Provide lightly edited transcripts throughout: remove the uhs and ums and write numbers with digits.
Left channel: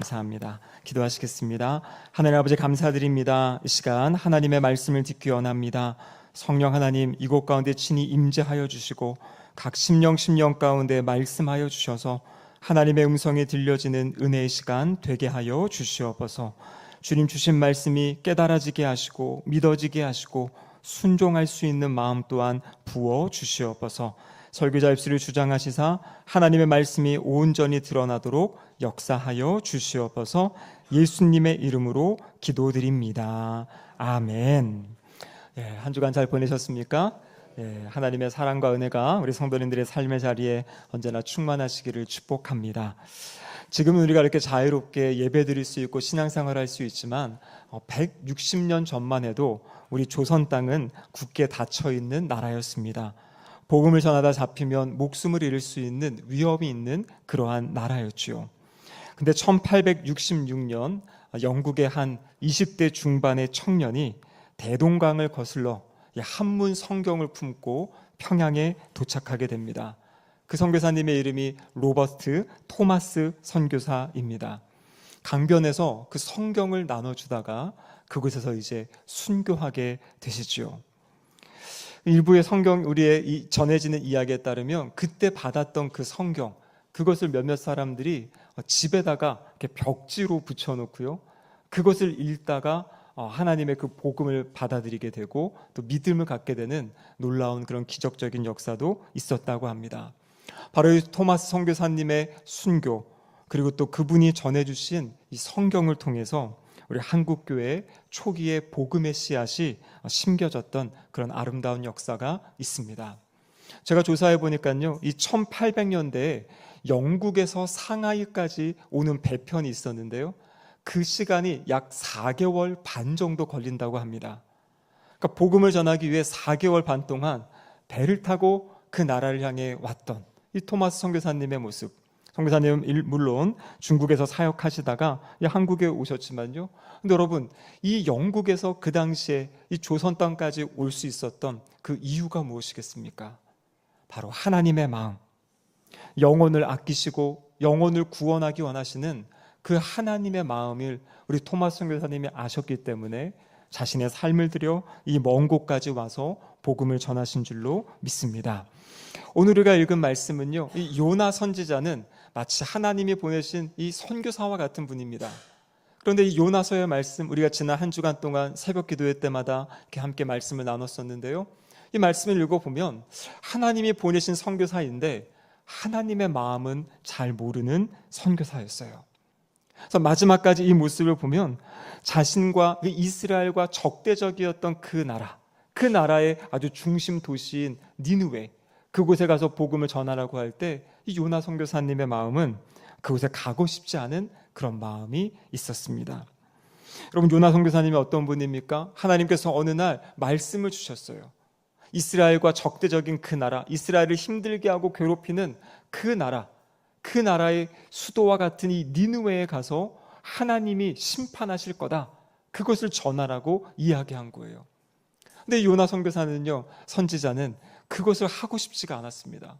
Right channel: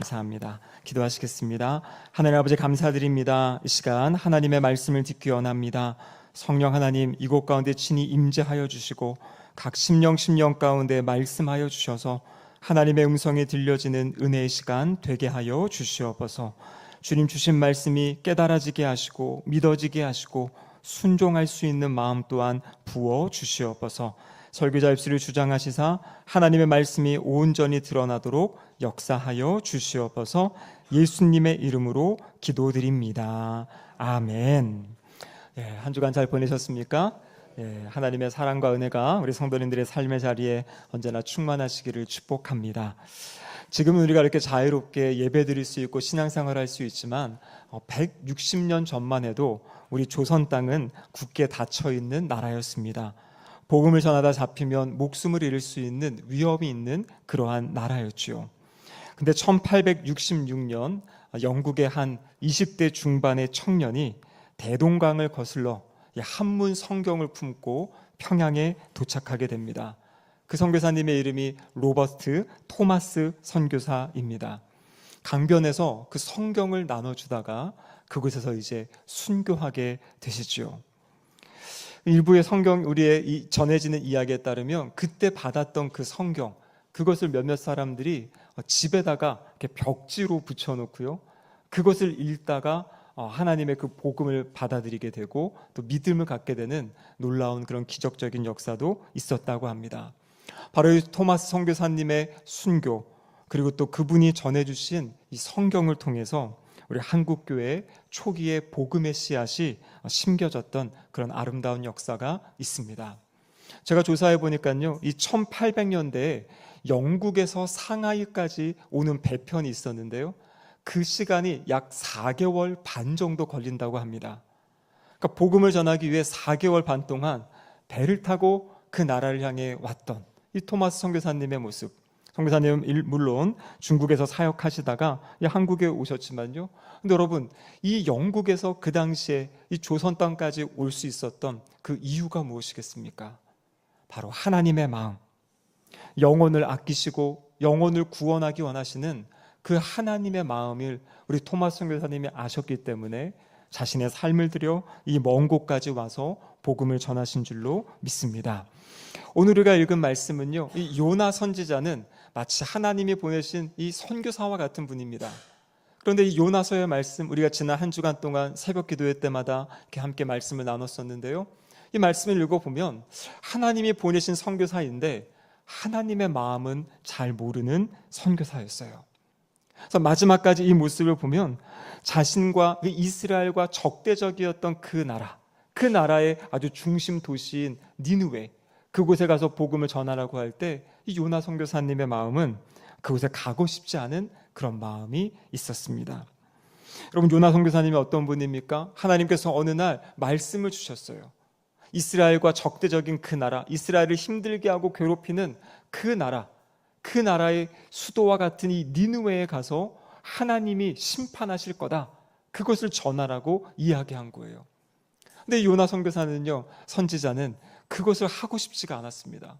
감사합니다. 기도하시겠습니다. 하나님 아버지 감사드립니다. 이 시간 하나님의 말씀을 듣기 원합니다. 성령 하나님 이곳 가운데 친히 임재하여 주시고 각 심령 가운데 말씀하여 주셔서 하나님의 음성이 들려지는 은혜의 시간 되게 하여 주시옵소서. 주님 주신 말씀이 깨달아지게 하시고 믿어지게 하시고 순종할 수 있는 마음 또한 부어 주시옵소서. 설교자 입술을 주장하시사 하나님의 말씀이 온전히 드러나도록 역사하여 주시옵소서. 예수님의 이름으로 기도드립니다. 아멘. 한 주간 잘 보내셨습니까? 하나님의 사랑과 은혜가 우리 성도님들의 삶의 자리에 언제나 충만하시기를 축복합니다. 지금은 우리가 이렇게 자유롭게 예배드릴 수 있고 신앙생활할 수 있지만 160년 전만 해도 우리 조선 땅은 굳게 닫혀있는 나라였습니다. 복음을 전하다 잡히면 목숨을 잃을 수 있는 위험이 있는 그러한 나라였지요. 근데 1866년 영국의 한 20대 중반의 청년이 대동강을 거슬러 한문 성경을 품고 평양에 도착하게 됩니다. 그 선교사님의 이름이 로버트 토마스 선교사입니다. 강변에서 그 성경을 나눠주다가 그곳에서 이제 순교하게 되시죠. 일부의 성경 우리의 전해지는 이야기에 따르면 그때 받았던 그 성경 그것을 몇몇 사람들이 집에다가 이렇게 벽지로 붙여놓고요. 그것을 읽다가 하나님의 그 복음을 받아들이게 되고 또 믿음을 갖게 되는 놀라운 그런 기적적인 역사도 있었다고 합니다. 바로 이 토마스 선교사님의 순교 그리고 또 그분이 전해주신 이 성경을 통해서 우리 한국교회의 초기의 복음의 씨앗이 심겨졌던 그런 아름다운 역사가 있습니다. 제가 조사해 보니까요, 이 1800년대에 영국에서 상하이까지 오는 배편이 있었는데요, 그 시간이 약 4개월 반 정도 걸린다고 합니다. 그러니까 복음을 전하기 위해 4개월 반 동안 배를 타고 그 나라를 향해 왔던 이 토마스 선교사님의 모습. 선교사님은 물론 중국에서 사역하시다가 한국에 오셨지만요. 근데 여러분, 이 영국에서 그 당시에 이 조선 땅까지 올 수 있었던 그 이유가 무엇이겠습니까? 바로 하나님의 마음. 영혼을 아끼시고 영혼을 구원하기 원하시는 그 하나님의 마음을 우리 토마스 선교사님이 아셨기 때문에 자신의 삶을 들여 이 먼 곳까지 와서 복음을 전하신 줄로 믿습니다. 오늘 우리가 읽은 말씀은요, 이 요나 선지자는 마치 하나님이 보내신 이 선교사와 같은 분입니다. 그런데 이 요나서의 말씀, 우리가 지난 한 주간 동안 새벽 기도회 때마다 이렇게 함께 말씀을 나눴었는데요, 이 말씀을 읽어보면 하나님이 보내신 선교사인데 하나님의 마음은 잘 모르는 선교사였어요. 그래서 마지막까지 이 모습을 보면 자신과 이스라엘과 적대적이었던 그 나라의 아주 중심 도시인 니느웨, 그곳에 가서 복음을 전하라고 할 때 이 요나 선교사님의 마음은 그곳에 가고 싶지 않은 그런 마음이 있었습니다. 여러분, 요나 선교사님이 어떤 분입니까? 하나님께서 어느 날 말씀을 주셨어요. 이스라엘과 적대적인 그 나라, 이스라엘을 힘들게 하고 괴롭히는 그 나라의 수도와 같은 이 니느웨에 가서 하나님이 심판하실 거다. 그것을 전하라고 이야기한 거예요. 근데 요나 선교사는요, 선지자는 그것을 하고 싶지가 않았습니다.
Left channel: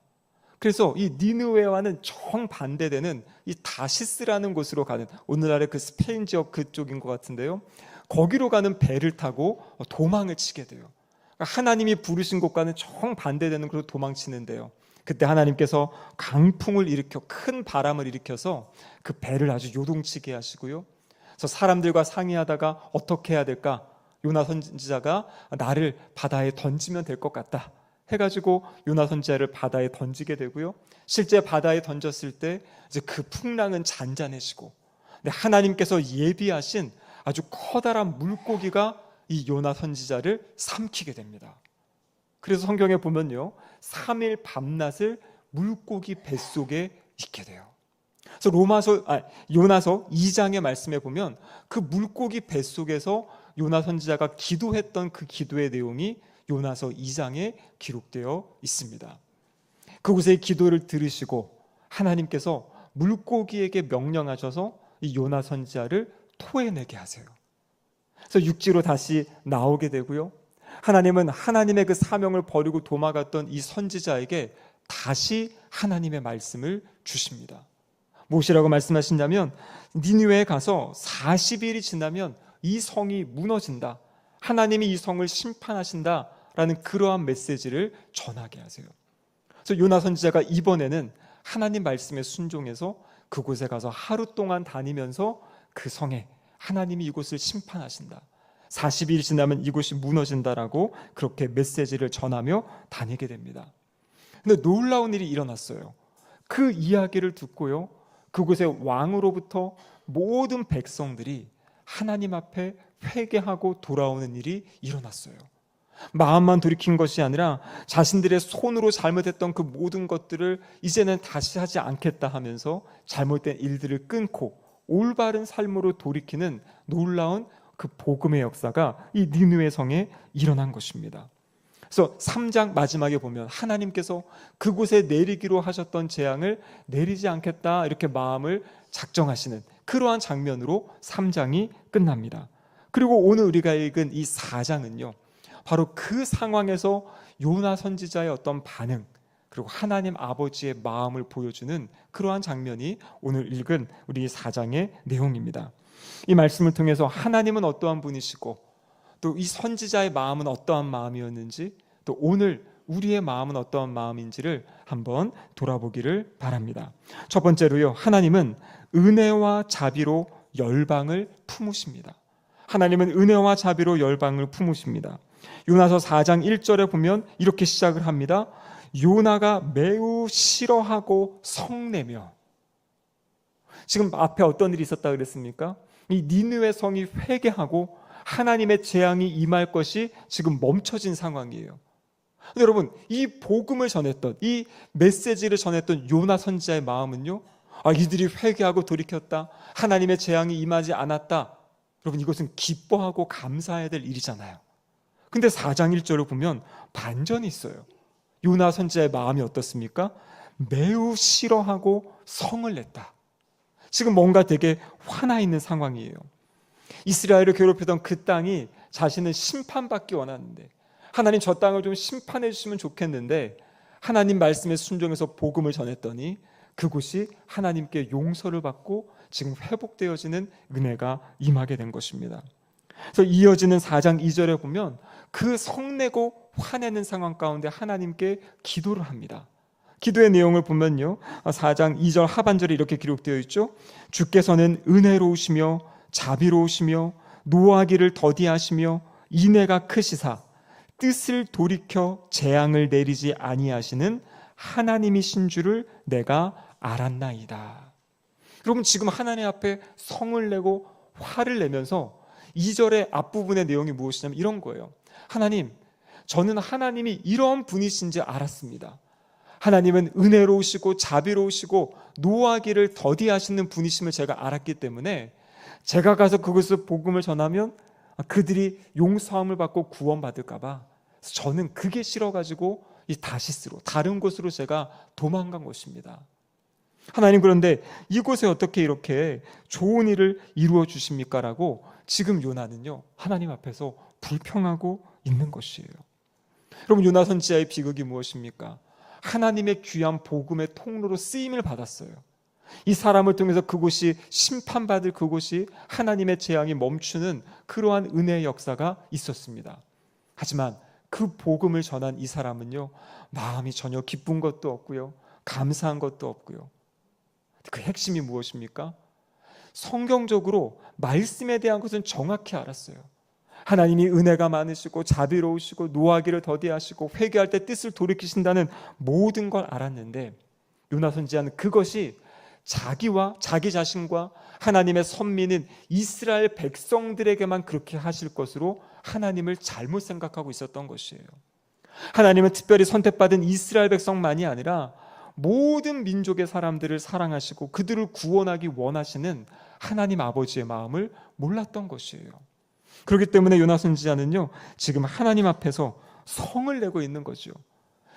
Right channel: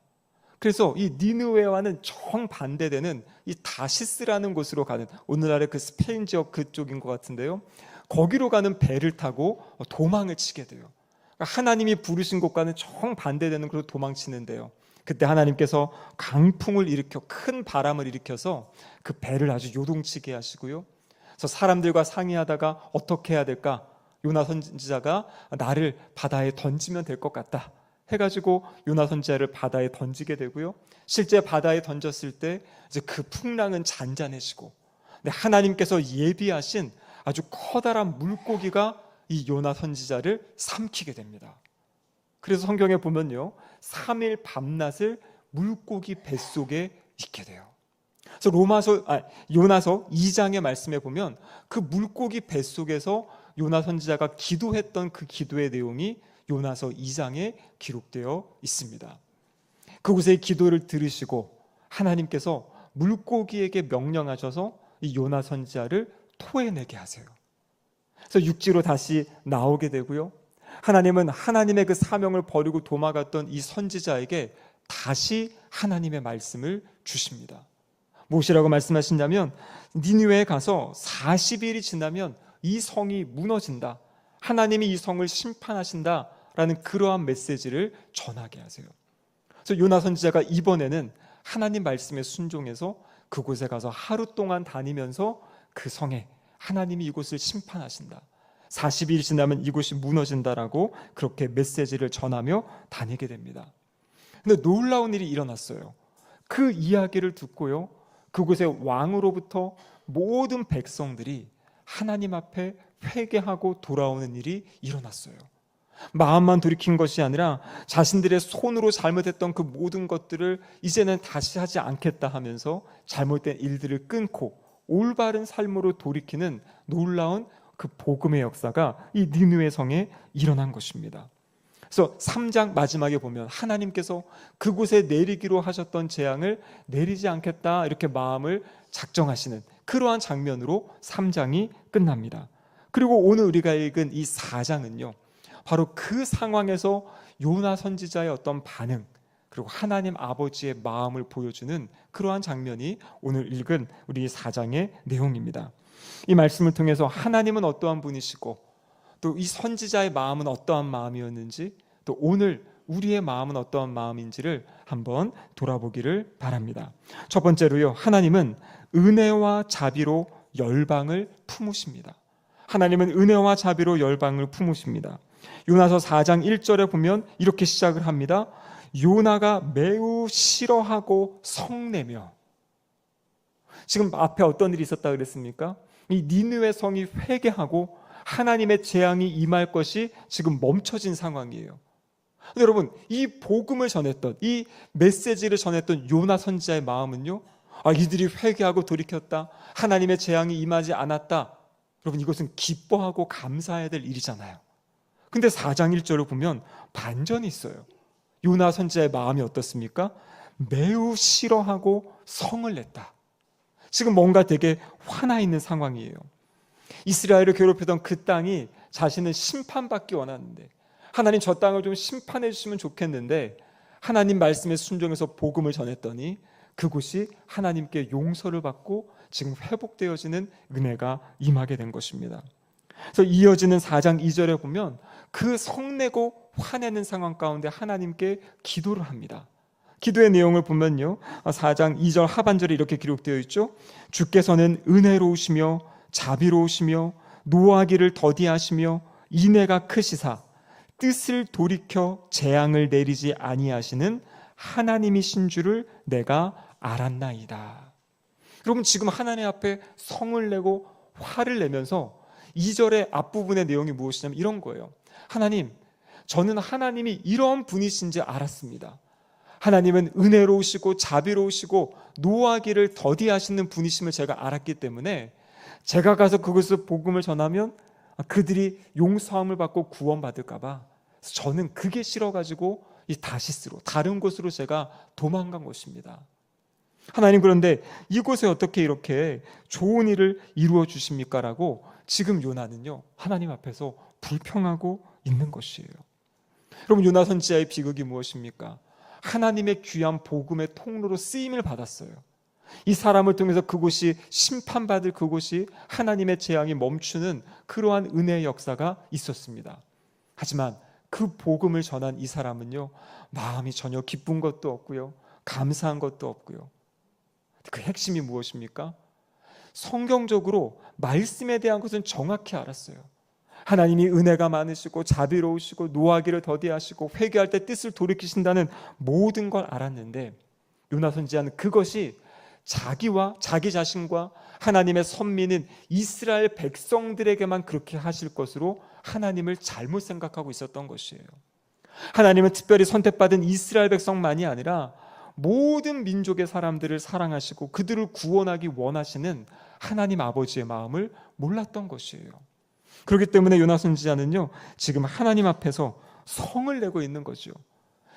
그래서 이 니느웨와는 정반대되는 이 다시스라는 곳으로 가는, 오늘날의 그 스페인 지역 그쪽인 것 같은데요, 거기로 가는 배를 타고 도망을 치게 돼요. 하나님이 부르신 곳과는 정반대되는 그런 도망치는데요, 그때 하나님께서 강풍을 일으켜 큰 바람을 일으켜서 그 배를 아주 요동치게 하시고요. 그래서 사람들과 상의하다가 어떻게 해야 될까? 요나 선지자가 나를 바다에 던지면 될 것 같다 해가지고 요나 선지자를 바다에 던지게 되고요. 실제 바다에 던졌을 때 이제 그 풍랑은 잔잔해지고, 근데 하나님께서 예비하신 아주 커다란 물고기가 이 요나 선지자를 삼키게 됩니다. 그래서 성경에 보면요, 3일 밤낮을 물고기 뱃속에 있게 돼요. 그래서 요나서 2장의 말씀에 보면 그 물고기 뱃속에서 요나 선지자가 기도했던 그 기도의 내용이 요나서 2장에 기록되어 있습니다. 그곳의 기도를 들으시고 하나님께서 물고기에게 명령하셔서 이 요나 선지자를 토해내게 하세요. 그래서 육지로 다시 나오게 되고요. 하나님은 하나님의 그 사명을 버리고 도망갔던 이 선지자에게 다시 하나님의 말씀을 주십니다. 무엇이라고 말씀하시냐면 니느웨에 가서 40일이 지나면 이 성이 무너진다. 하나님이 이 성을 심판하신다라는 그러한 메시지를 전하게 하세요. 그래서 요나 선지자가 이번에는 하나님 말씀에 순종해서 그곳에 가서 하루 동안 다니면서 그 성에 하나님이 이곳을 심판하신다. 40일이 지나면 이곳이 무너진다라고 그렇게 메시지를 전하며 다니게 됩니다. 근데 놀라운 일이 일어났어요. 그 이야기를 듣고요, 그곳의 왕으로부터 모든 백성들이 하나님 앞에 회개하고 돌아오는 일이 일어났어요. 마음만 돌이킨 것이 아니라 자신들의 손으로 잘못했던 그 모든 것들을 이제는 다시 하지 않겠다 하면서 잘못된 일들을 끊고 올바른 삶으로 돌이키는 놀라운 그 복음의 역사가 이 니느웨 성에 일어난 것입니다. 그래서 3장 마지막에 보면 하나님께서 그곳에 내리기로 하셨던 재앙을 내리지 않겠다 이렇게 마음을 작정하시는 그러한 장면으로 3장이 끝납니다. 그리고 오늘 우리가 읽은 이 4장은요, 바로 그 상황에서 요나 선지자의 어떤 반응, 그리고 하나님 아버지의 마음을 보여주는 그러한 장면이 오늘 읽은 우리 4장의 내용입니다. 이 말씀을 통해서 하나님은 어떠한 분이시고 또 이 선지자의 마음은 어떠한 마음이었는지, 또 오늘 우리의 마음은 어떠한 마음인지를 한번 돌아보기를 바랍니다. 첫 번째로요, 하나님은 은혜와 자비로 열방을 품으십니다. 하나님은 은혜와 자비로 열방을 품으십니다. 요나서 4장 1절에 보면 이렇게 시작을 합니다. 요나가 매우 싫어하고 성내며. 지금 앞에 어떤 일이 있었다 그랬습니까? 이 니느웨 성이 회개하고 하나님의 재앙이 임할 것이 지금 멈춰진 상황이에요. 근데 여러분, 이 복음을 전했던, 이 메시지를 전했던 요나 선지자의 마음은요, 이들이 회개하고 돌이켰다, 하나님의 재앙이 임하지 않았다, 여러분 이것은 기뻐하고 감사해야 될 일이잖아요. 근데 4장 1절을 보면 반전이 있어요. 요나 선지자의 마음이 어떻습니까? 매우 싫어하고 성을 냈다. 지금 뭔가 되게 화나 있는 상황이에요. 이스라엘을 괴롭히던 그 땅이 자신은 심판받기 원하는데, 하나님 저 땅을 좀 심판해 주시면 좋겠는데, 하나님 말씀에 순종해서 복음을 전했더니 그곳이 하나님께 용서를 받고 지금 회복되어지는 은혜가 임하게 된 것입니다. 그래서 이어지는 4장 2절에 보면 그 성내고 화내는 상황 가운데 하나님께 기도를 합니다. 기도의 내용을 보면요, 4장 2절 하반절에 이렇게 기록되어 있죠. 주께서는 은혜로우시며 자비로우시며 노하기를 더디하시며 인애가 크시사 뜻을 돌이켜 재앙을 내리지 아니하시는 하나님이신 줄을 내가 알았나이다. 여러분, 지금 하나님 앞에 성을 내고 화를 내면서 2절의 앞부분의 내용이 무엇이냐면 이런 거예요. 하나님, 저는 하나님이 이런 분이신지 알았습니다. 하나님은 은혜로우시고 자비로우시고 노하기를 더디하시는 분이심을 제가 알았기 때문에 제가 가서 그곳을 복음을 전하면 그들이 용서함을 받고 구원받을까 봐 저는 그게 싫어가지고 이 다시스로 다른 곳으로 제가 도망간 것입니다. 하나님, 그런데 이곳에 어떻게 이렇게 좋은 일을 이루어 주십니까? 라고 지금 요나는요, 하나님 앞에서 불평하고 있는 것이에요. 여러분, 요나 선지자의 비극이 무엇입니까? 하나님의 귀한 복음의 통로로 쓰임을 받았어요. 이 사람을 통해서 그곳이 심판받을 그곳이 하나님의 재앙이 멈추는 그러한 은혜의 역사가 있었습니다. 하지만 그 복음을 전한 이 사람은요, 마음이 전혀 기쁜 것도 없고요, 감사한 것도 없고요. 그 핵심이 무엇입니까? 성경적으로 말씀에 대한 것은 정확히 알았어요. 하나님이 은혜가 많으시고 자비로우시고 노하기를 더디하시고 회개할 때 뜻을 돌이키신다는 모든 걸 알았는데, 요나 선지자는 그것이 자기와 자기 자신과 하나님의 선민인 이스라엘 백성들에게만 그렇게 하실 것으로 하나님을 잘못 생각하고 있었던 것이에요. 하나님은 특별히 선택받은 이스라엘 백성만이 아니라 모든 민족의 사람들을 사랑하시고 그들을 구원하기 원하시는 하나님 아버지의 마음을 몰랐던 것이에요. 그렇기 때문에 요나 선지자는요, 지금 하나님 앞에서 성을 내고 있는 거죠.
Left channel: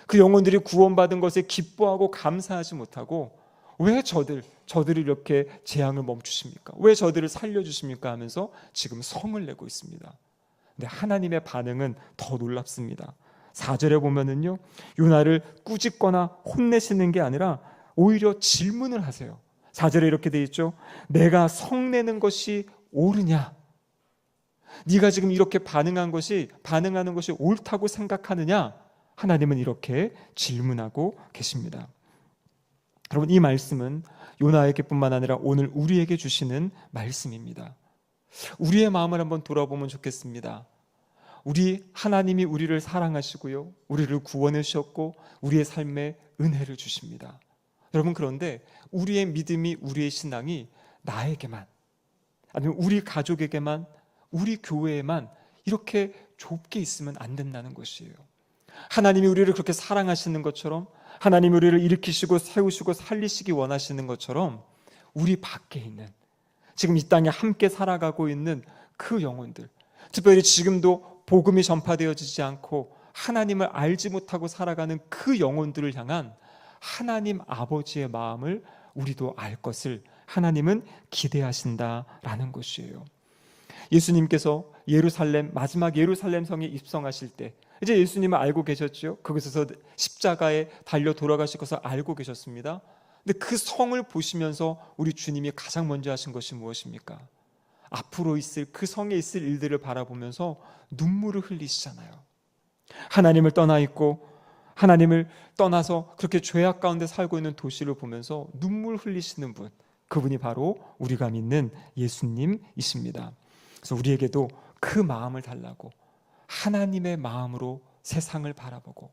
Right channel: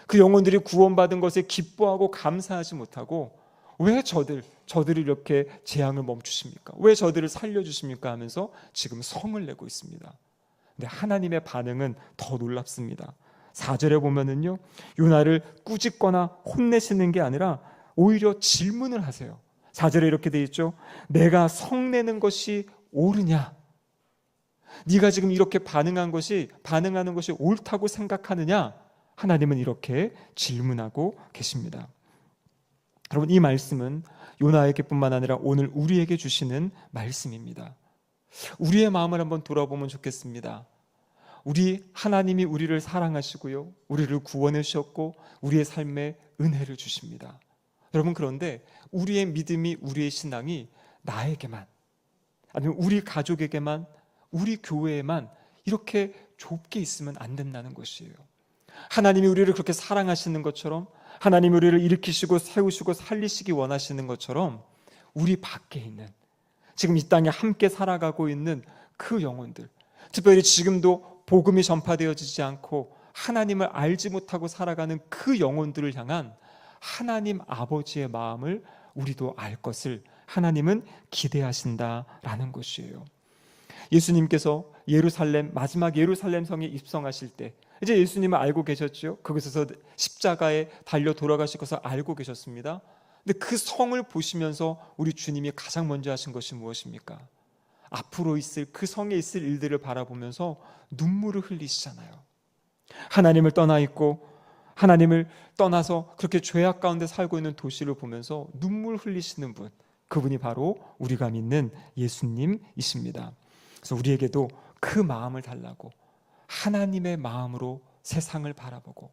그 영혼들이 구원받은 것에 기뻐하고 감사하지 못하고 왜 저들을 이렇게 재앙을 멈추십니까? 왜 저들을 살려주십니까? 하면서 지금 성을 내고 있습니다. 근데 하나님의 반응은 더 놀랍습니다. 4절에 보면은요, 요나를 꾸짖거나 혼내시는 게 아니라 오히려 질문을 하세요. 4절에 이렇게 돼 있죠. 내가 성내는 것이 옳으냐? 네가 지금 이렇게 반응하는 것이 옳다고 생각하느냐? 하나님은 이렇게 질문하고 계십니다. 여러분, 이 말씀은 요나에게뿐만 아니라 오늘 우리에게 주시는 말씀입니다. 우리의 마음을 한번 돌아보면 좋겠습니다. 하나님이 우리를 사랑하시고요, 우리를 구원해 주셨고 우리의 삶에 은혜를 주십니다. 여러분, 그런데 우리의 믿음이, 우리의 신앙이 나에게만, 아니면 우리 가족에게만, 우리 교회에만 이렇게 좁게 있으면 안 된다는 것이에요. 하나님이 우리를 그렇게 사랑하시는 것처럼, 하나님이 우리를 일으키시고 세우시고 살리시기 원하시는 것처럼, 우리 밖에 있는, 지금 이 땅에 함께 살아가고 있는 그 영혼들, 특별히 지금도 복음이 전파되어지지 않고 하나님을 알지 못하고 살아가는 그 영혼들을 향한 하나님 아버지의 마음을 우리도 알 것을 하나님은 기대하신다라는 것이에요. 예수님께서 마지막 예루살렘 성에 입성하실 때, 이제 예수님은 알고 계셨죠. 그곳에서 십자가에 달려 돌아가실 것을 알고 계셨습니다. 근데 그 성을 보시면서 우리 주님이 가장 먼저 하신 것이 무엇입니까? 앞으로 있을 그 성에 있을 일들을 바라보면서 눈물을 흘리시잖아요. 하나님을 떠나 있고 하나님을 떠나서 그렇게 죄악 가운데 살고 있는 도시를 보면서 눈물 흘리시는 분, 그분이 바로 우리가 믿는 예수님이십니다. 그래서 우리에게도 그 마음을 달라고, 하나님의 마음으로 세상을 바라보고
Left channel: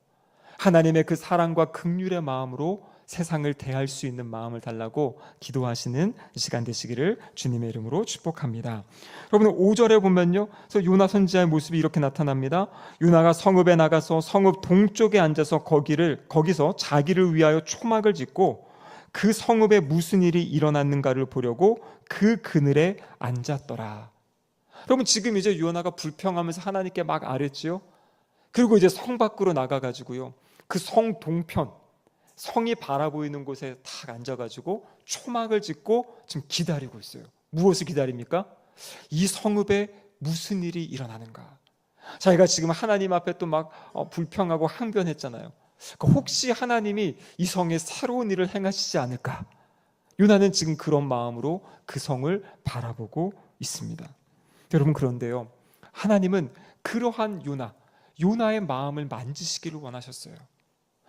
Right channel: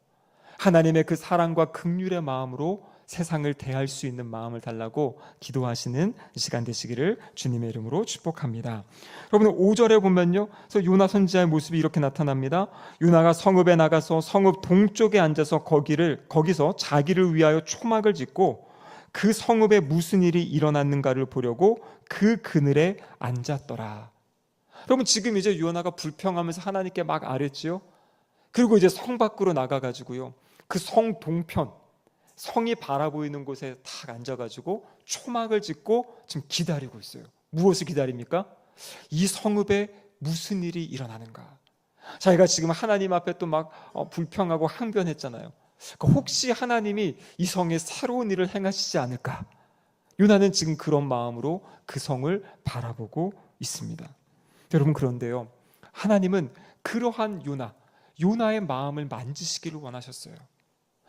하나님의 그 사랑과 긍휼의 마음으로 세상을 대할 수 있는 마음을 달라고 기도하시는 시간 되시기를 주님의 이름으로 축복합니다. 여러분, 5절에 보면요, 그래서 요나 선지자의 모습이 이렇게 나타납니다. 요나가 성읍에 나가서 성읍 동쪽에 앉아서 거기서 자기를 위하여 초막을 짓고 그 성읍에 무슨 일이 일어났는가를 보려고 그 그늘에 앉았더라. 여러분, 지금 이제 요나가 불평하면서 하나님께 막 아뢰지요. 그리고 이제 성 밖으로 나가가지고요, 그 성 동편, 성이 바라보이는 곳에 딱 앉아가지고 초막을 짓고 지금 기다리고 있어요. 무엇을 기다립니까? 이 성읍에 무슨 일이 일어나는가. 자기가 지금 하나님 앞에 또 막 불평하고 항변했잖아요. 혹시 하나님이 이 성에 새로운 일을 행하시지 않을까? 요나는 지금 그런 마음으로 그 성을 바라보고 있습니다. 여러분, 그런데요, 하나님은 그러한 요나의 마음을 만지시기를 원하셨어요.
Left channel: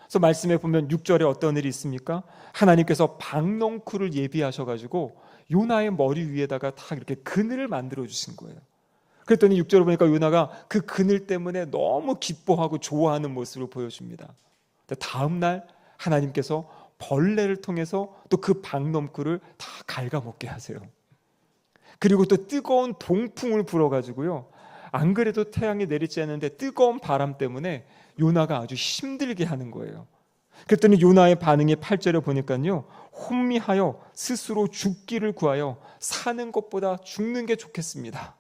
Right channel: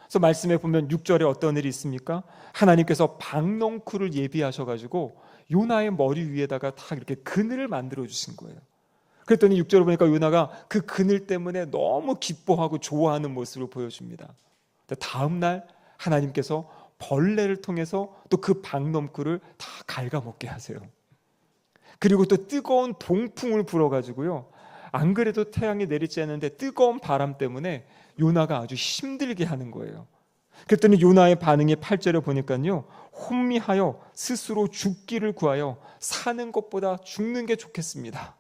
그래서 말씀에 보면 6절에 어떤 일이 있습니까? 하나님께서 박넝쿨을 예비하셔가지고 요나의 머리 위에다가 다 이렇게 그늘을 만들어 주신 거예요. 그랬더니 6절을 보니까 요나가 그 그늘 때문에 너무 기뻐하고 좋아하는 모습을 보여줍니다. 다음 날 하나님께서 벌레를 통해서 또 그 박넝쿨을 다 갉아먹게 하세요. 그리고 또 뜨거운 동풍을 불어가지고요, 안 그래도 태양이 내리지 않는데 뜨거운 바람 때문에 요나가 아주 힘들게 하는 거예요. 그랬더니 요나의 반응이 8절에 보니까요, 혼미하여 스스로 죽기를 구하여 사는 것보다 죽는 게 좋겠습니다.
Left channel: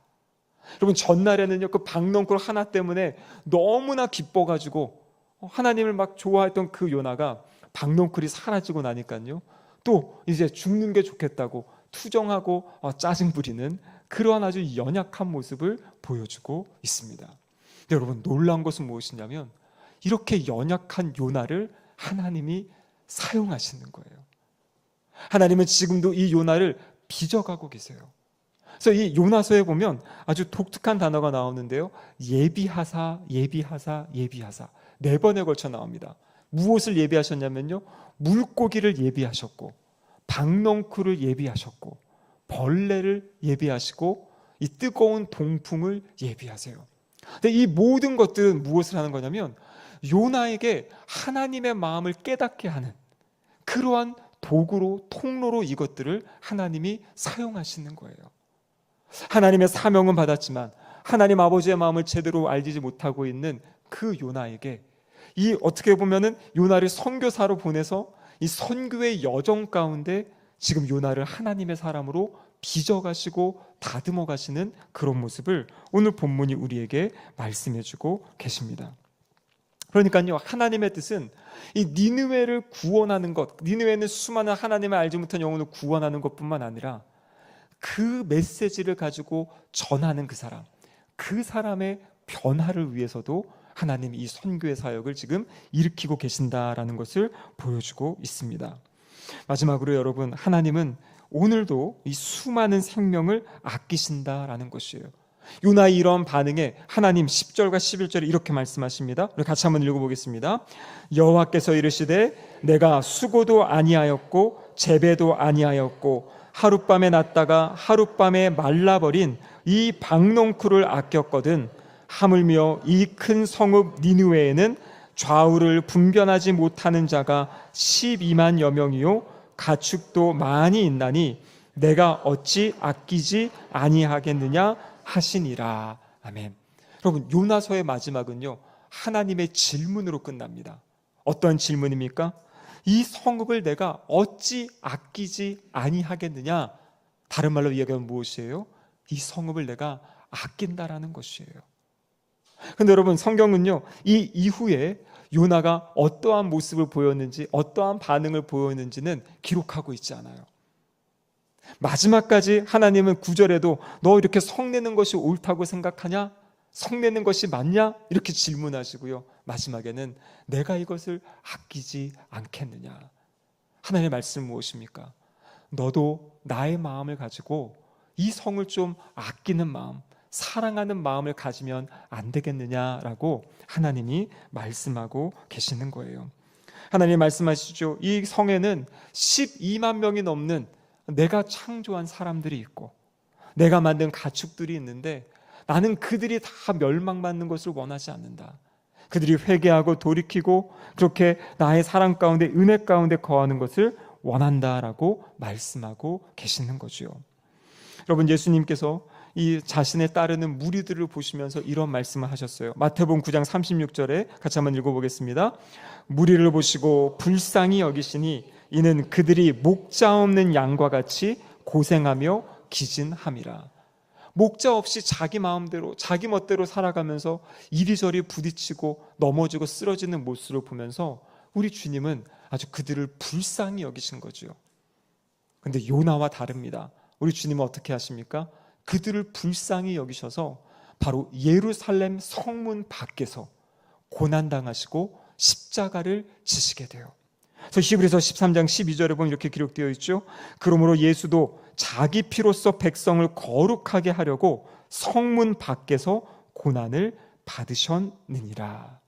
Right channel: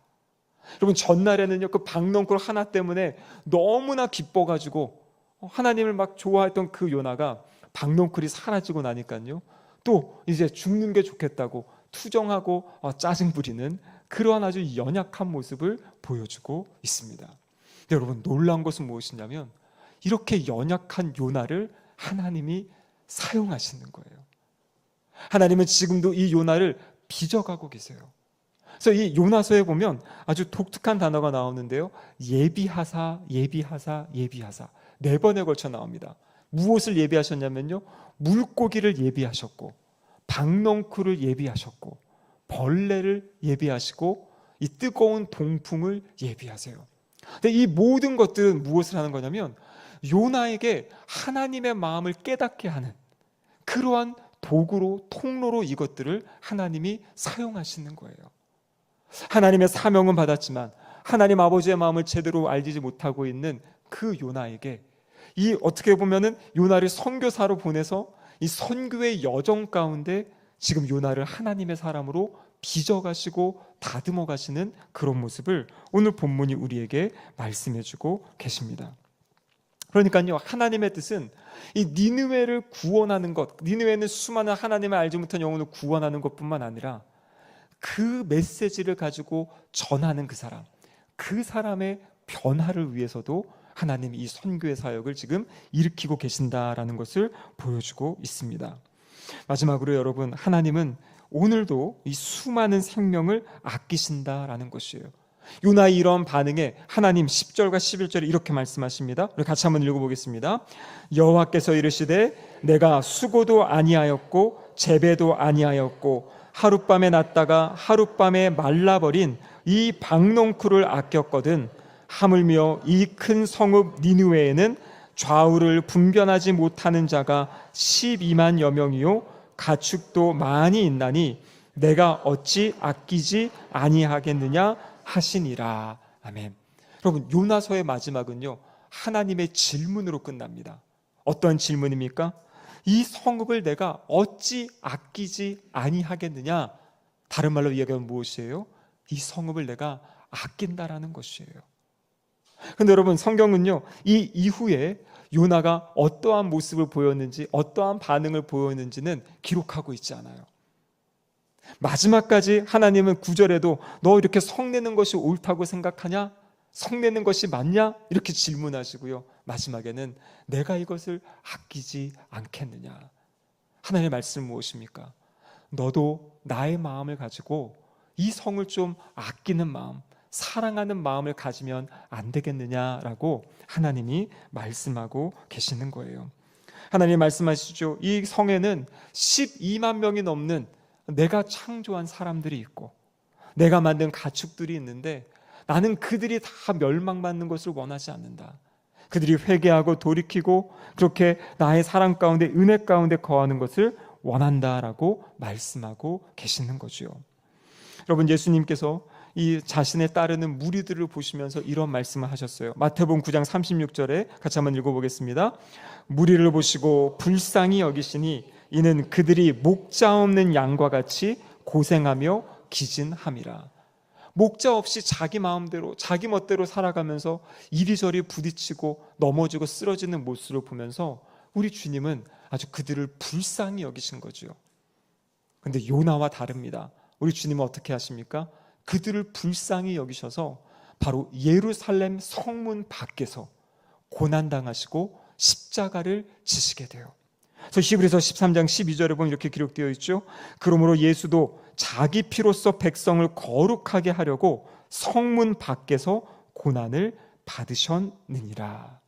여러분, 전날에는요, 그 박넝쿨 하나 때문에 너무나 기뻐가지고 하나님을 막 좋아했던 그 요나가 박넝쿨이 사라지고 나니까요, 또 이제 죽는 게 좋겠다고 투정하고 짜증 부리는 그러한 아주 연약한 모습을 보여주고 있습니다. 여러분, 놀라운 것은 무엇이냐면 이렇게 연약한 요나를 하나님이 사용하시는 거예요. 하나님은 지금도 이 요나를 빚어가고 계세요. 그래서 이 요나서에 보면 아주 독특한 단어가 나오는데요, 예비하사, 예비하사, 예비하사 4번에 걸쳐 나옵니다. 무엇을 예비하셨냐면요, 물고기를 예비하셨고 박넝쿨을 예비하셨고 벌레를 예비하시고 이 뜨거운 동풍을 예비하세요. 근데 이 모든 것들은 무엇을 하는 거냐면 요나에게 하나님의 마음을 깨닫게 하는 그러한 도구로, 통로로 이것들을 하나님이 사용하시는 거예요. 하나님의 사명은 받았지만 하나님 아버지의 마음을 제대로 알지 못하고 있는 그 요나에게 이 어떻게 보면은 요나를 선교사로 보내서 이 선교의 여정 가운데 지금 요나를 하나님의 사람으로 빚어가시고 다듬어 가시는 그런 모습을 오늘 본문이 우리에게 말씀해주고 계십니다. 그러니까요, 하나님의 뜻은 이 니느웨를 구원하는 것, 니느웨는 수많은 하나님을 알지 못한 영혼을 구원하는 것뿐만 아니라 그 메시지를 가지고 전하는 그 사람의 변화를 위해서도 하나님이 이 선교의 사역을 지금 일으키고 계신다라는 것을 보여주고 있습니다. 마지막으로 여러분, 하나님은 오늘도 이 수많은 생명을 아끼신다라는 것이에요. 요나의 이런 반응에 하나님 10절과 11절에 이렇게 말씀하십니다. 우리 같이 한번 읽어보겠습니다. 여호와께서 이르시되 내가 수고도 아니하였고 재배도 아니하였고 하룻밤에 났다가 하룻밤에 말라버린 이 박농쿨을 아꼈거든 하물며 이 큰 성읍 니느웨에는 좌우를 분변하지 못하는 자가 12만여 명이요 가축도 많이 있나니 내가 어찌 아끼지 아니하겠느냐 하시니라. 아멘. 여러분, 요나서의 마지막은요, 하나님의 질문으로 끝납니다. 어떤 질문입니까? 이 성읍을 내가 어찌 아끼지 아니하겠느냐? 다른 말로 이야기하면 무엇이에요? 이 성읍을 내가 아낀다라는 것이에요. 그런데 여러분, 성경은요, 이 이후에 요나가 어떠한 모습을 보였는지, 어떠한 반응을 보였는지는 기록하고 있지 않아요. 마지막까지 하나님은 9절에도 너 이렇게 성내는 것이 옳다고 생각하냐? 성내는 것이 맞냐? 이렇게 질문하시고요. 마지막에는 내가 이것을 아끼지 않겠느냐? 하나님의 말씀은 무엇입니까? 너도 나의 마음을 가지고 이 성을 좀 아끼는 마음, 사랑하는 마음을 가지면 안 되겠느냐라고 하나님이 말씀하고 계시는 거예요. 하나님이 말씀하시죠. 이 성에는 12만 명이 넘는 내가 창조한 사람들이 있고 내가 만든 가축들이 있는데 나는 그들이 다 멸망받는 것을 원하지 않는다. 그들이 회개하고 돌이키고 그렇게 나의 사랑 가운데 은혜 가운데 거하는 것을 원한다라고 말씀하고 계시는 거죠. 여러분, 예수님께서 이 자신의 따르는 무리들을 보시면서 이런 말씀을 하셨어요. 마태복음 9장 36절에 같이 한번 읽어보겠습니다. 무리를 보시고 불쌍히 여기시니 이는 그들이 목자 없는 양과 같이 고생하며 기진함이라. 목자 없이 자기 마음대로 자기 멋대로 살아가면서 이리저리 부딪히고 넘어지고 쓰러지는 모습을 보면서 우리 주님은 아주 그들을 불쌍히 여기신 거죠. 그런데 요나와 다릅니다. 우리 주님은 어떻게 하십니까? 그들을 불쌍히 여기셔서 바로 예루살렘 성문 밖에서 고난당하시고 십자가를 지시게 돼요. 그래서 히브리서 13장 12절에 보면 이렇게 기록되어 있죠. 그러므로 예수도 자기 피로써 백성을 거룩하게 하려고 성문 밖에서 고난을 받으셨느니라.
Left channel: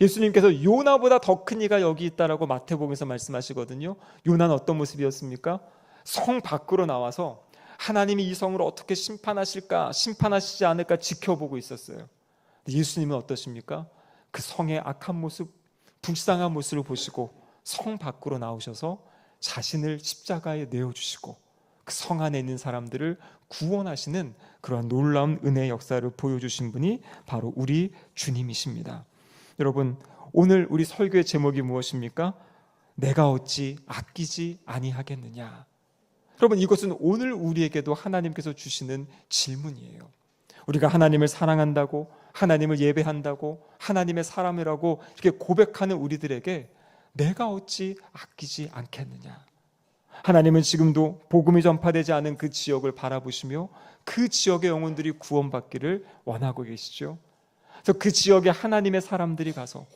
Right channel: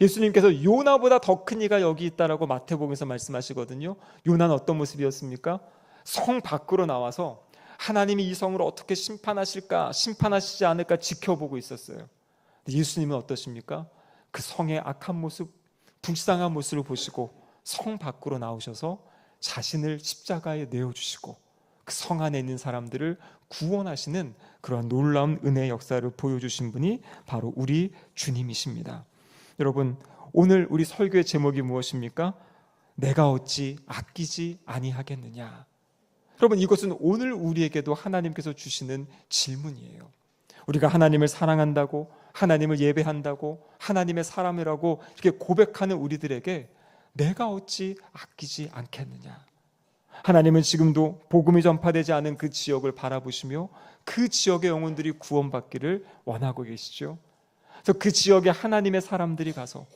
예수님께서 요나보다 더 큰 이가 여기 있다라고 마태복음에서 말씀하시거든요. 요나는 어떤 모습이었습니까? 성 밖으로 나와서 하나님이 이 성을 어떻게 심판하실까, 심판하시지 않을까 지켜보고 있었어요. 예수님은 어떠십니까? 그 성의 악한 모습, 불쌍한 모습을 보시고 성 밖으로 나오셔서 자신을 십자가에 내어주시고 그 성 안에 있는 사람들을 구원하시는 그런 놀라운 은혜의 역사를 보여주신 분이 바로 우리 주님이십니다. 여러분, 오늘 우리 설교의 제목이 무엇입니까? 내가 어찌 아끼지 아니하겠느냐. 여러분, 이것은 오늘 우리에게도 하나님께서 주시는 질문이에요. 우리가 하나님을 사랑한다고, 하나님을 예배한다고, 하나님의 사람이라고 이렇게 고백하는 우리들에게 내가 어찌 아끼지 않겠느냐. 하나님은 지금도 복음이 전파되지 않은 그 지역을 바라보시며 그 지역의 영혼들이 구원받기를 원하고 계시죠. 그래서 그 지역에 하나님의 사람들이 가서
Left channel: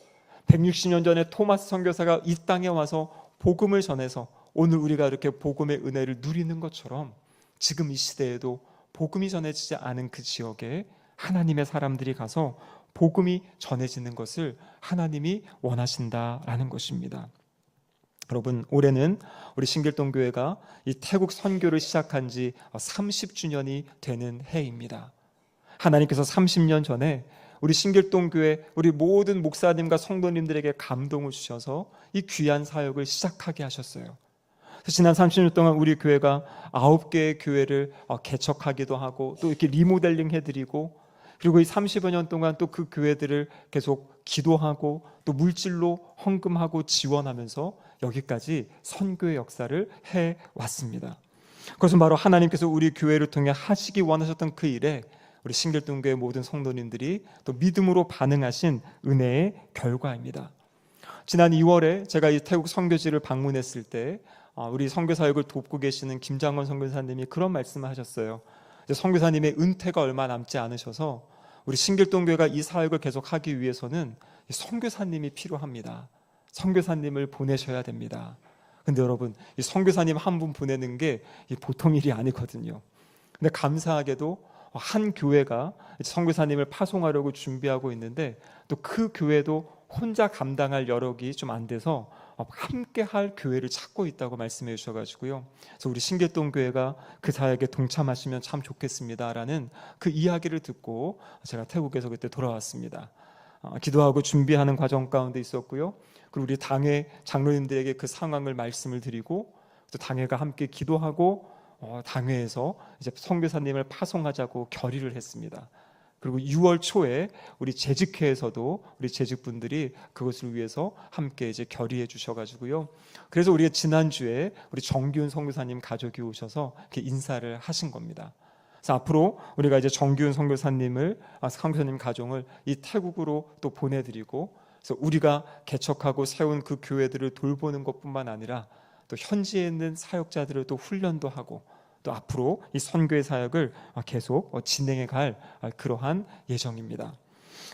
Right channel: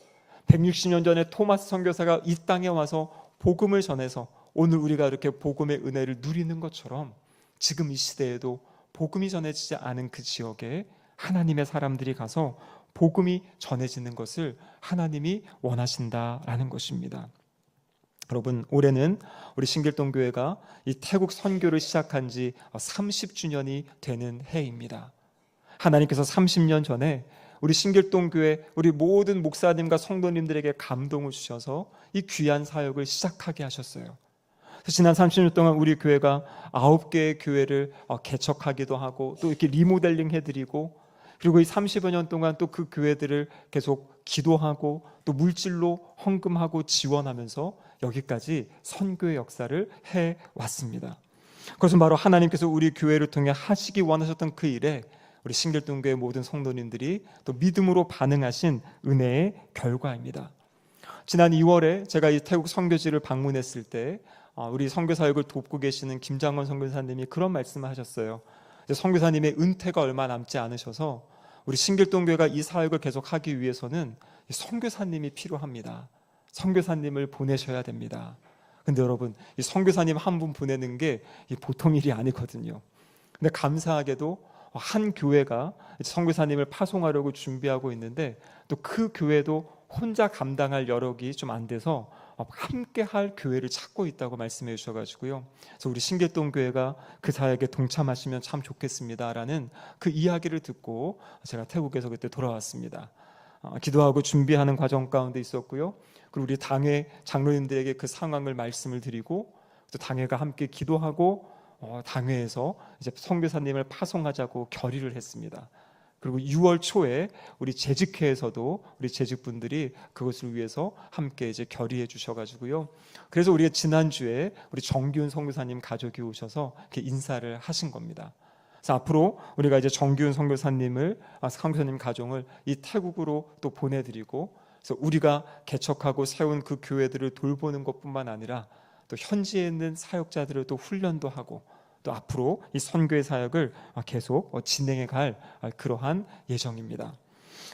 160년 전에 토마스 선교사가 이 땅에 와서 복음을 전해서 오늘 우리가 이렇게 복음의 은혜를 누리는 것처럼 지금 이 시대에도 복음이 전해지지 않은 그 지역에 하나님의 사람들이 가서 복음이 전해지는 것을 하나님이 원하신다라는 것입니다. 여러분, 올해는 우리 신길동교회가 이 태국 선교를 시작한 지 30주년이 되는 해입니다. 하나님께서 30년 전에 우리 신길동교회 우리 모든 목사님과 성도님들에게 감동을 주셔서 이 귀한 사역을 시작하게 하셨어요. 지난 30년 동안 우리 교회가 9개의 교회를 개척하기도 하고 또 이렇게 리모델링 해드리고 그리고 이 30여 년 동안 또 그 교회들을 계속 기도하고 또 물질로 헌금하고 지원하면서 여기까지 선교의 역사를 해왔습니다. 그것은 바로 하나님께서 우리 교회를 통해 하시기 원하셨던 그 일에 우리 신길동교회 모든 성도님들이 또 믿음으로 반응하신 은혜의 결과입니다. 지난 2월에 제가 이 태국 선교지를 방문했을 때 우리 선교 사역을 돕고 계시는 김장원 선교사님이 그런 말씀을 하셨어요. 선교사님의 은퇴가 얼마 남지 않으셔서 우리 신길동교회가 이 사역을 계속하기 위해서는 선교사님이 필요합니다. 선교사님을 보내셔야 됩니다. 근데 여러분, 이 선교사님 한 분 보내는 게 보통 일이 아니거든요. 근데 감사하게도 한 교회가 선교사님을 파송하려고 준비하고 있는데, 또 그 교회도 혼자 감당할 여력이 좀 안 돼서 함께 할 교회를 찾고 있다고 말씀해 주셔가지고요. 그래서 우리 신길동 교회가 그 사역에 동참하시면 참 좋겠습니다라는 그 이야기를 듣고 제가 태국에서 그때 돌아왔습니다. 기도하고 준비하는 과정 가운데 있었고요. 그리고 우리 당회 장로님들에게 그 상황을 말씀을 드리고, 또 당회가 함께 기도하고 당회에서 이제 선교사님을 파송하자고 결의를 했습니다. 그리고 6월 초에 우리 재직회에서도 우리 재직분들이 그것을 위해서 함께 이제 결의해 주셔가지고요. 그래서 우리가 지난주에 우리 정기훈 선교사님 가족이 오셔서 이렇게 인사를 하신 겁니다. 그래서 앞으로 우리가 이제 정기훈 선교사님을, 선교사님 가족을 이 태국으로 또 보내드리고, 그래서 우리가 개척하고 세운 그 교회들을 돌보는 것뿐만 아니라 또 현지에 있는 사역자들을 또 훈련도 하고, 또 앞으로 이 선교의 사역을 계속 진행해 갈 그러한 예정입니다.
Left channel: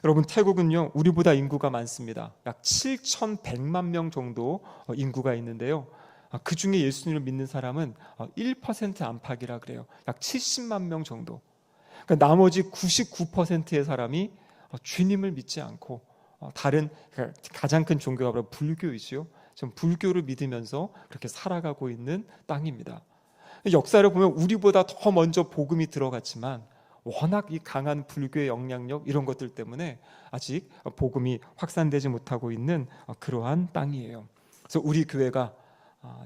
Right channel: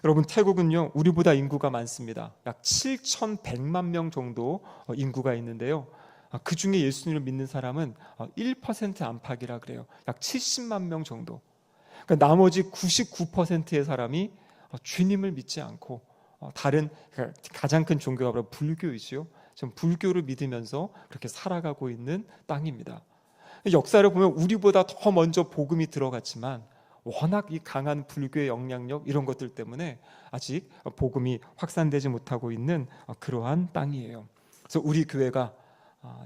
여러분, 태국은요 우리보다 인구가 많습니다. 약 7,100만 명 정도 인구가 있는데요. 그 중에 예수님을 믿는 사람은 1% 안팎이라 그래요. 약 70만 명 정도. 그러니까 나머지 99%의 사람이 주님을 믿지 않고 다른, 가장 큰 종교가 바로 불교이죠. 좀 불교를 믿으면서 그렇게 살아가고 있는 땅입니다. 역사를 보면 우리보다 더 먼저 복음이 들어갔지만 워낙 이 강한 불교의 영향력 이런 것들 때문에 아직 복음이 확산되지 못하고 있는 그러한 땅이에요. 그래서 우리 교회가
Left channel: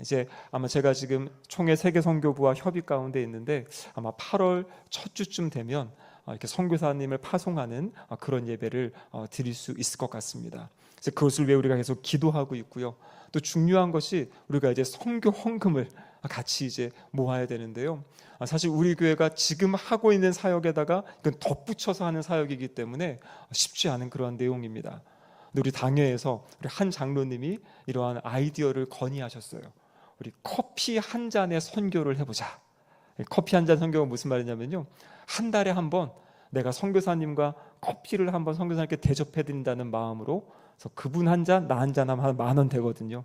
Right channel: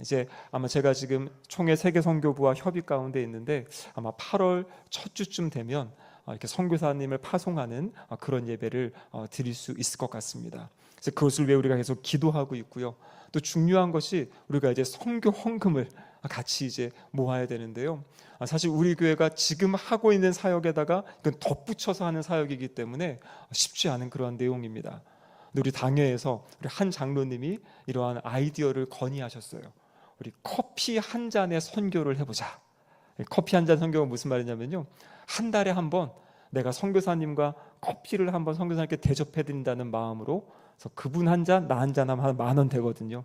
이제 아마 제가 지금 총회 세계선교부와 협의 가운데 있는데, 아마 8월 첫 주쯤 되면 이렇게 선교사님을 파송하는 그런 예배를 드릴 수 있을 것 같습니다. 그래서 그것을 위해 우리가 계속 기도하고 있고요. 또 중요한 것이 우리가 이제 선교 헌금을 같이 이제 모아야 되는데요. 사실 우리 교회가 지금 하고 있는 사역에다가 이건 덧붙여서 하는 사역이기 때문에 쉽지 않은 그런 내용입니다. 우리 당회에서 우리 한 장로님이 이러한 아이디어를 건의하셨어요. 우리 커피 한 잔의 선교를 해보자. 커피 한 잔 선교가 무슨 말이냐면요, 한 달에 한 번 내가 선교사님과 커피를 한번 선교사님께 대접해 드린다는 마음으로, 그래서 그분 한 잔, 나 한 잔 하면 한 10,000원 되거든요.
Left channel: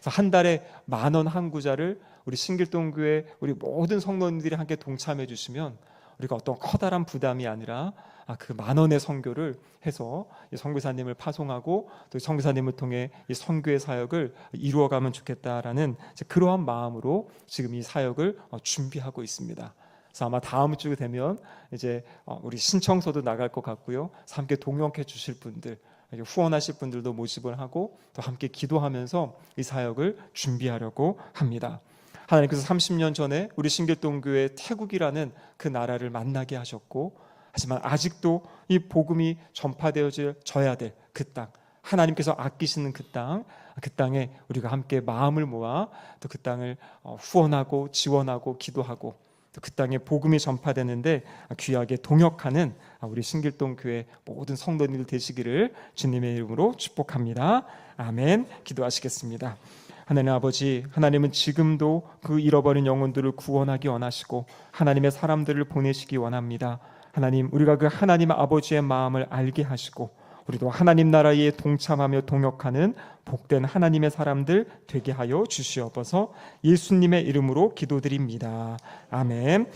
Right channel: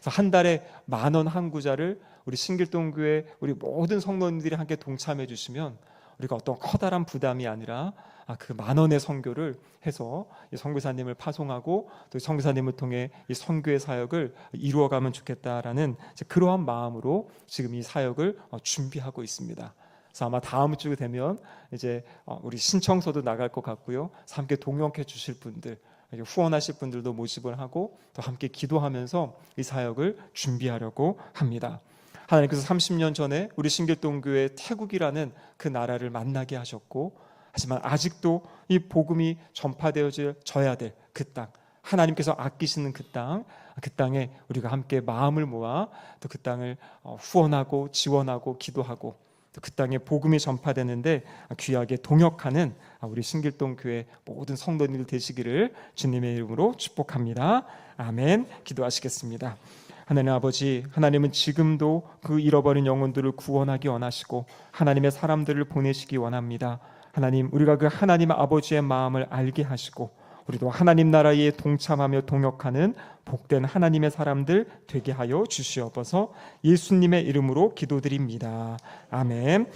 그래서 한 달에 10,000원 한 구자를 우리 신길동교회 우리 모든 성도님들이 함께 동참해 주시면 우리가 어떤 커다란 부담이 아니라 그 10,000원의 선교를 해서 이 선교사님을 파송하고 또 선교사님을 통해 이 선교의 사역을 이루어가면 좋겠다라는 그러한 마음으로 지금 이 사역을 준비하고 있습니다. 그래서 아마 다음 주가 되면 이제 우리 신청서도 나갈 것 같고요. 그래서 함께 동역해 주실 분들, 후원하실 분들도 모집을 하고 또 함께 기도하면서 이 사역을 준비하려고 합니다. 하나님께서 30년 전에 우리 신길동교회 태국이라는 그 나라를 만나게 하셨고, 하지만 아직도 이 복음이 전파되어져야 될 그 땅, 하나님께서 아끼시는 그 땅에 우리가 함께 마음을 모아 또 그 땅을 후원하고 지원하고 기도하고 또 그 땅에 복음이 전파되는데 귀하게 동역하는 우리 신길동교회 모든 성도님들 되시기를 주님의 이름으로 축복합니다. 아멘. 기도하시겠습니다. 하나님 아버지, 하나님은 지금도 그 잃어버린 영혼들을 구원하기 원하시고 하나님의 사람들을 보내시기 원합니다. 하나님, 우리가 그 하나님 아버지의 마음을 알게 하시고 우리도 하나님 나라에 동참하며 동역하는 복된 하나님의 사람들 되게 하여 주시옵소서. 예수님의 이름으로 기도드립니다. 아멘.